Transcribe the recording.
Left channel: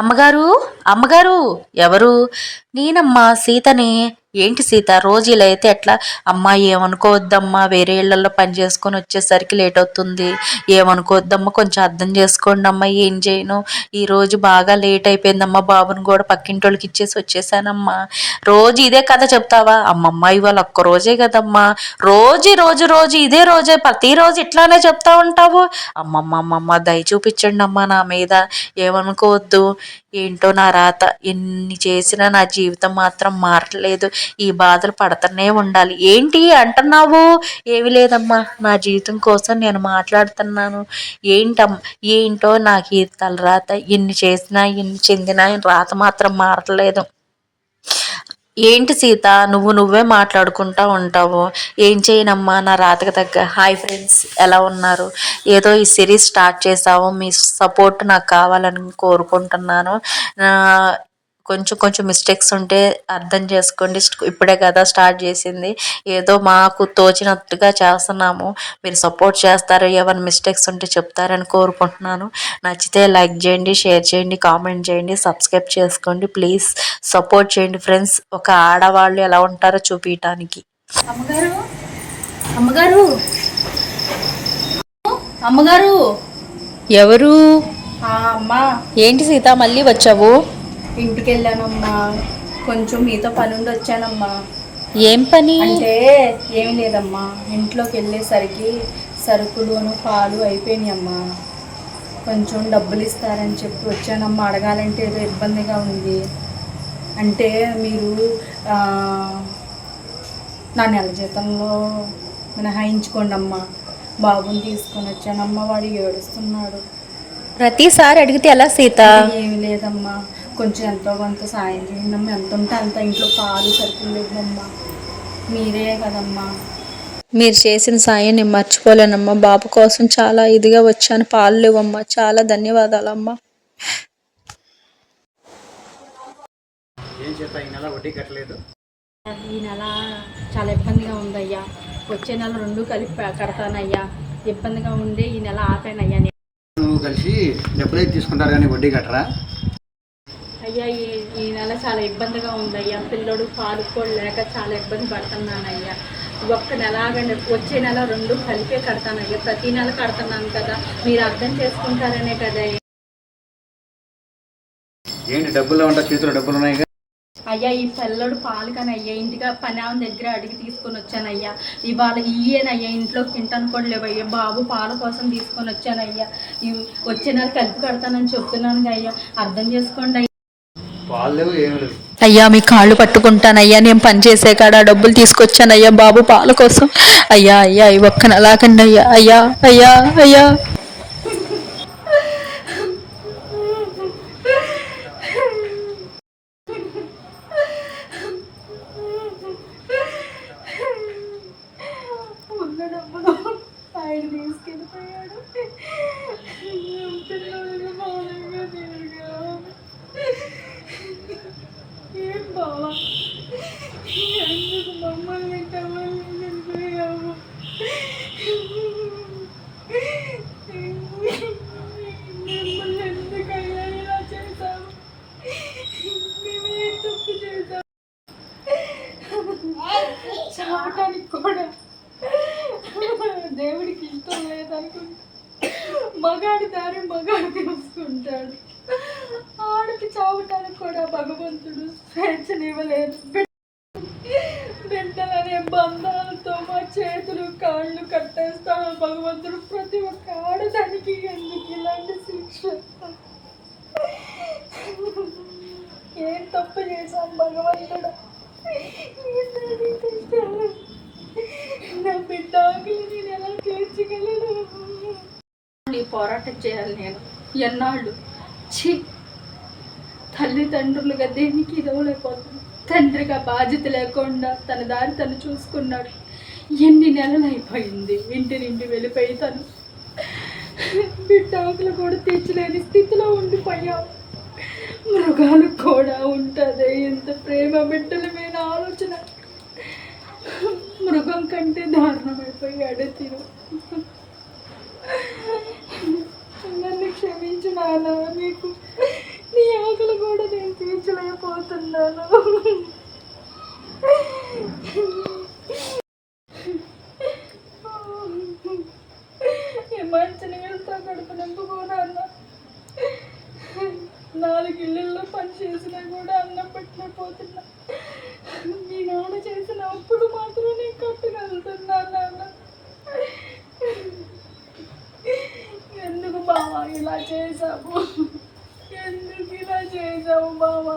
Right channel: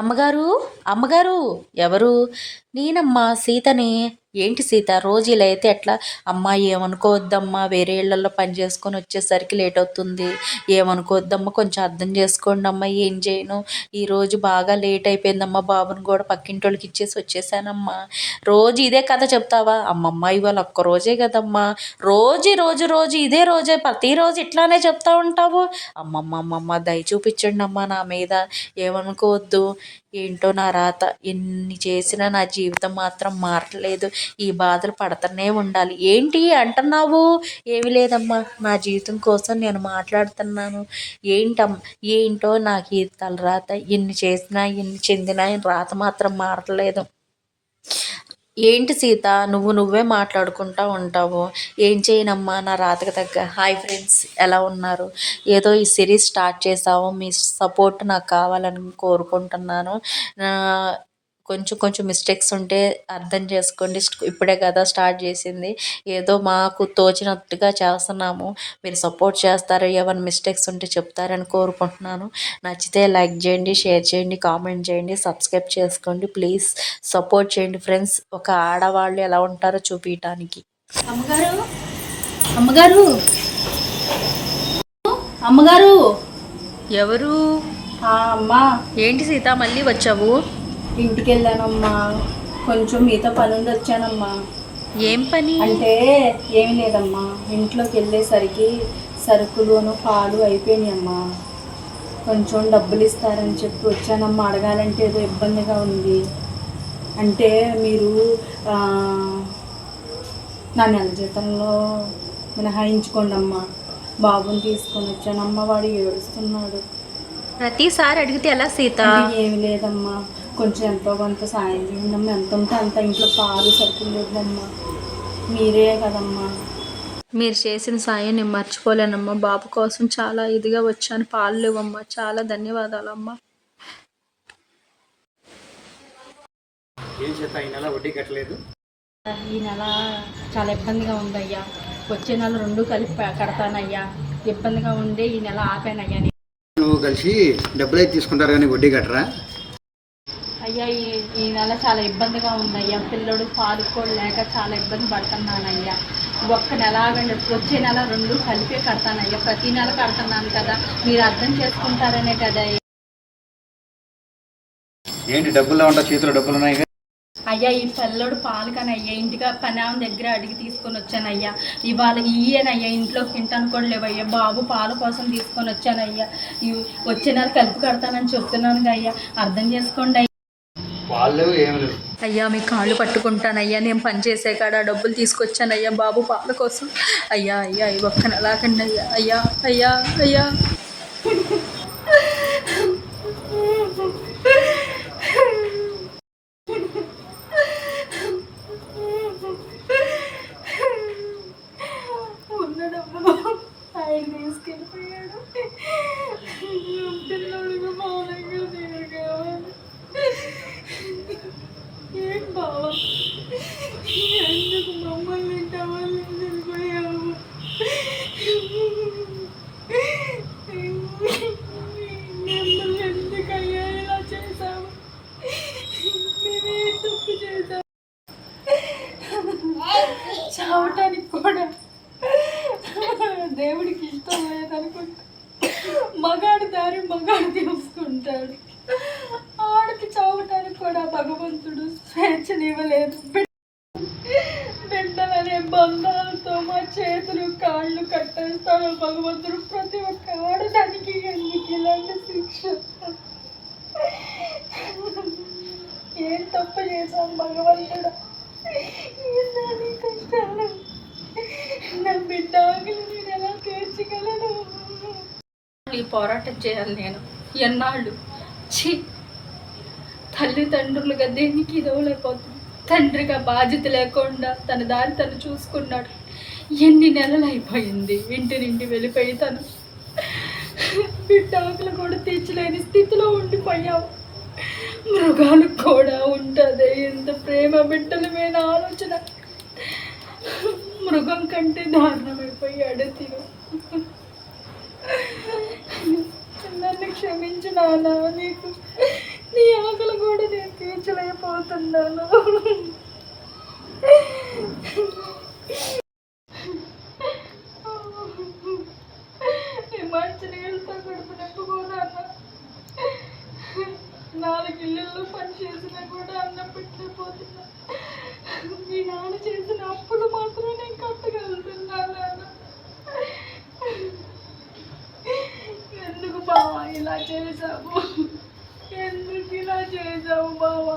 అమ్మగారు, అమ్మగారు, ఎవరు? నేనమ్మా, సీతని. ఏంటి సీత, రోజు ఇలా అయితే ఎట్లా? అమ్మా ఏమనుకోవద్దమ్మా, వేరే ఇళ్లలో పని చేసుకొని వచ్చేసరికి లేట్ అవుతుంది. ఏమనుకోవద్దమ్మా, కొంచెం అర్థం చేసుకోండి అమ్మా. ఏం చేయను, ఈరోజు బాగా లేట్ అయిపోయిందమ్మా. బాబుని కూడా పక్కింటి వాళ్ళకి ఇచ్చేసి వచ్చేసానమ్మా. రోజు ఇదే కథ చెప్తావా? అమ్మమ్మ ఇవాళ ఒక్క రోజే కదమ్మా. రోజు రోజు రోజు ఇదే రోజే, ప్రతిరోజు ఇట్లానే చెప్తా ఉంటావు. అమ్మమ్మ అమ్మమ్మ, దయ చూపించండి అమ్మా నా మీద. ఏమనుకోవద్దు. ఏంటో నా రాత, ఎన్ని చేసినా నా జీవితం మాత్రం మారట్లేదు. ఈ బాధలు పడుతూనే ఉండాలి. ఏంటి అంటున్నావు? ఏమి లేదమ్మా, నా జీవితం కోసం నేను మాట్లాడుతున్నాను. ఏంటో నాకు ఈ తలరాత, ఎన్ని చేసినా ఎన్ని చెందినా రాత మాత్రం మారట్లేదు. ఏంటి సీత, నువ్వే మాట్లాడుకుంటా ఉంటావు. ఏం చేయనమ్మా, నా రాతకు తగ్గ. హాయ్ ఫ్రెండ్స్, ఎలా ఉన్నారు? ఏదో ఈ సిరీస్ స్టార్ట్ చేసావు, మీ సపోర్ట్ నాకు కావాలని కోరుకుంటున్నాను. కొంచెం కొంచెం మిస్టేక్స్ ఉంటే అర్థం చేసుకోండి. ఇప్పుడే కదా స్టార్ట్ చేసింది. ఏదో మాకు తోచినట్టుగా చేస్తున్నాము. మీరు సపోర్ట్ చేస్తారు, ఏమైనా మిస్టేక్స్ ఉంటే చెప్తారని కోరుకుంటున్నాను. నచ్చితే లైక్ చేయండి, షేర్ చేయండి, కామెంట్ చేయండి, సబ్స్క్రైబ్ చేసుకోండి. ప్లీజ్ సపోర్ట్ చేయండి ఫ్రెండ్స్. ఒక ఆడవాళ్ళు ఎలా ఉంటారో చూపించడానికి. అమ్మగారు, అమ్మగారు, అమ్మగారు, ఎవరు? అమ్మా, ఏంటి సీత, మళ్ళీ వచ్చావు? ఇంటికి వెళ్ళానమ్మా. కొంచెం మీతో పని ఉండి వచ్చానమ్మా. ఏం పని? అంటే ఏమి లేదమ్మా, ఇంట్లోకి వెళ్ళేసరికి సరుకులును పాలు అయిపోయినాయమ్మా. కొంచెం డబ్బులు ఇస్తారని చెప్పి వచ్చానమ్మా. అడగాలంటే ఏదో ఇబ్బందిగా ఉంది. అంటే మీరు నా నెల జీతంలో మినహాయించుకోండి అమ్మా. బాబుని తీసుకొని వచ్చానమ్మా, వాడు ఏడుస్తున్నాడు. ప్రతిసారి అడిగితే ఎలా సీత? ఏమి లేదమ్మా, కొంచెం ఎంతో కొంత సాయం చేయండి అమ్మా. ఎంత ఉంటే అంత. ఇంట్లో పాలు సరుకులు లేవమ్మా. మీరే కదమ్మా. మీరు చేసిన సాయం నేను మర్చిపోలేనమ్మా. బాబు కోసం చాలా ఇదిగా వచ్చాను. పాలు లేవమ్మా. చాలా ధన్యవాదాలమ్మా. ఈ నెల చాలా ఇబ్బందిగా ఉందయ్యా. వచ్చే నెల 2 కలిపి కడతానయ్యా. ఇబ్బందిగా ఉండి ఈ నెల ఆపానయ్యా. నువ్వు కలిసి డబ్బులు అయితే తీసుకుంటారు కానీ వడ్డీ కట్టరా? అయ్యా, ఈ నెల చాలా ఇబ్బందిగా ఉందయ్యా. పిల్లడు పాలు కూడా లేక చాలా ఇబ్బంది పడుతున్నానయ్యా. ఒక్క నెల ఆగండి, వచ్చే నెల 2 కలిపే కడతానయ్యా. ప్రతి నెల కడుతున్నాను కదా, మీరు అర్థం చేసుకుంటారనే కదా. ఏంటి డబ్బులు ఉంటా, చేతిలో డబ్బులు ఉన్నాయి? అయ్యా, ఈ పిల్లడు పాలు కానీ అయ్యా, ఇంటిగా పని ఆమె దగ్గర అడిగి తీసుకొని వచ్చానయ్యా. ఇవాళ ఇయ్యేనయ్యా, ఇంట్లోకి తింటాను కూడా లేవయ్యా. బాబు పాల కోసం తీసుకొని వచ్చానయ్యా. వచ్చే నెల కలిపి కడతానని చెప్తున్నాను అయ్యా, అర్థం చేసుకోండి అయ్యా. అయ్యా, మీ కాళ్ళు పట్టుకుంటానయ్యా. నేను పని చేసే కాడ డబ్బులు తీసుకొచ్చానయ్యా బాబు పాల కోసం. అయ్యా అయ్యా, ఈ ఒక్క నెలాకండి అయ్యా. అయ్యా అయ్యా అయ్యా. ఆయన తీసుకెళ్ళిపోయాడు. పిల్లలు మౌనంగా తిరగా. ఏం బావా, ఎందుకు మమ్మల్ని టవల్ని వెళ్ళిపోయావు? మిమ్మల్ని ఎందుకయ్యా ఇలా చేశావు? మేమే తప్పు చేశాము. చావటానికి కూడా దేవుడికి ఇష్టం లేదనుకుంటా. మగాడి దారి మగాడు తెలుసుకుంటాడు. ఆడికి చావటానికి కూడా భగవంతుడు స్వేచ్ఛనివ్వలేదు. బిడ్డలనే బంధాలతో మా చేతులు కాళ్ళు కట్టేస్తాను భగవంతుడు. ప్రతి ఒక్క ఆడదానికి ఎందుకు ఇలాంటి శిక్ష? ఏం తప్పు చేశాను భగవంతుడు? కష్టాలు నా బిడ్డ నేను ఎలా తీర్చగలను? ఈ పోరాటం చేయాలి నేను ఎన్నాళ్ళు. తల్లిదండ్రులుగా దేనికి ఇదవలేకపోతుంది. తండ్రిగా బాధ్యత లేకుండా తన దారి తను చూసుకున్నాడు. ఎన్ని నెలలు అయిపోయింది ఇంటి నుండి వెళ్ళిపోయి. తను బిడ్డలు కూడా తీర్చలేని స్థితిలో ఉండిపోయావు. మృగాలకు కూడా ఉంటుంది ఎంత ప్రేమ బిడ్డల మీద ఆలోచన. మృగం కంటే దారుణమైపోయాడు తిను. నన్ను క్షమించు నాన్న. నీకు నీ పోతున్నాను. ఈ మంచి నీళ్ళతో కడుపు నింపుకోను అన్న. 4 ఇళ్ళల్లో పని చేసినా కూడా అన్నం పెట్టలేకపోతున్నా. మీ నాన్న చేసిన అప్పులు మాత్రం నేను కట్టగలుగుతున్నాను నాన్న. ఎందుకు బావా ఇలా చేసావు? ఎందుకు ఇలా చేసావు బావా?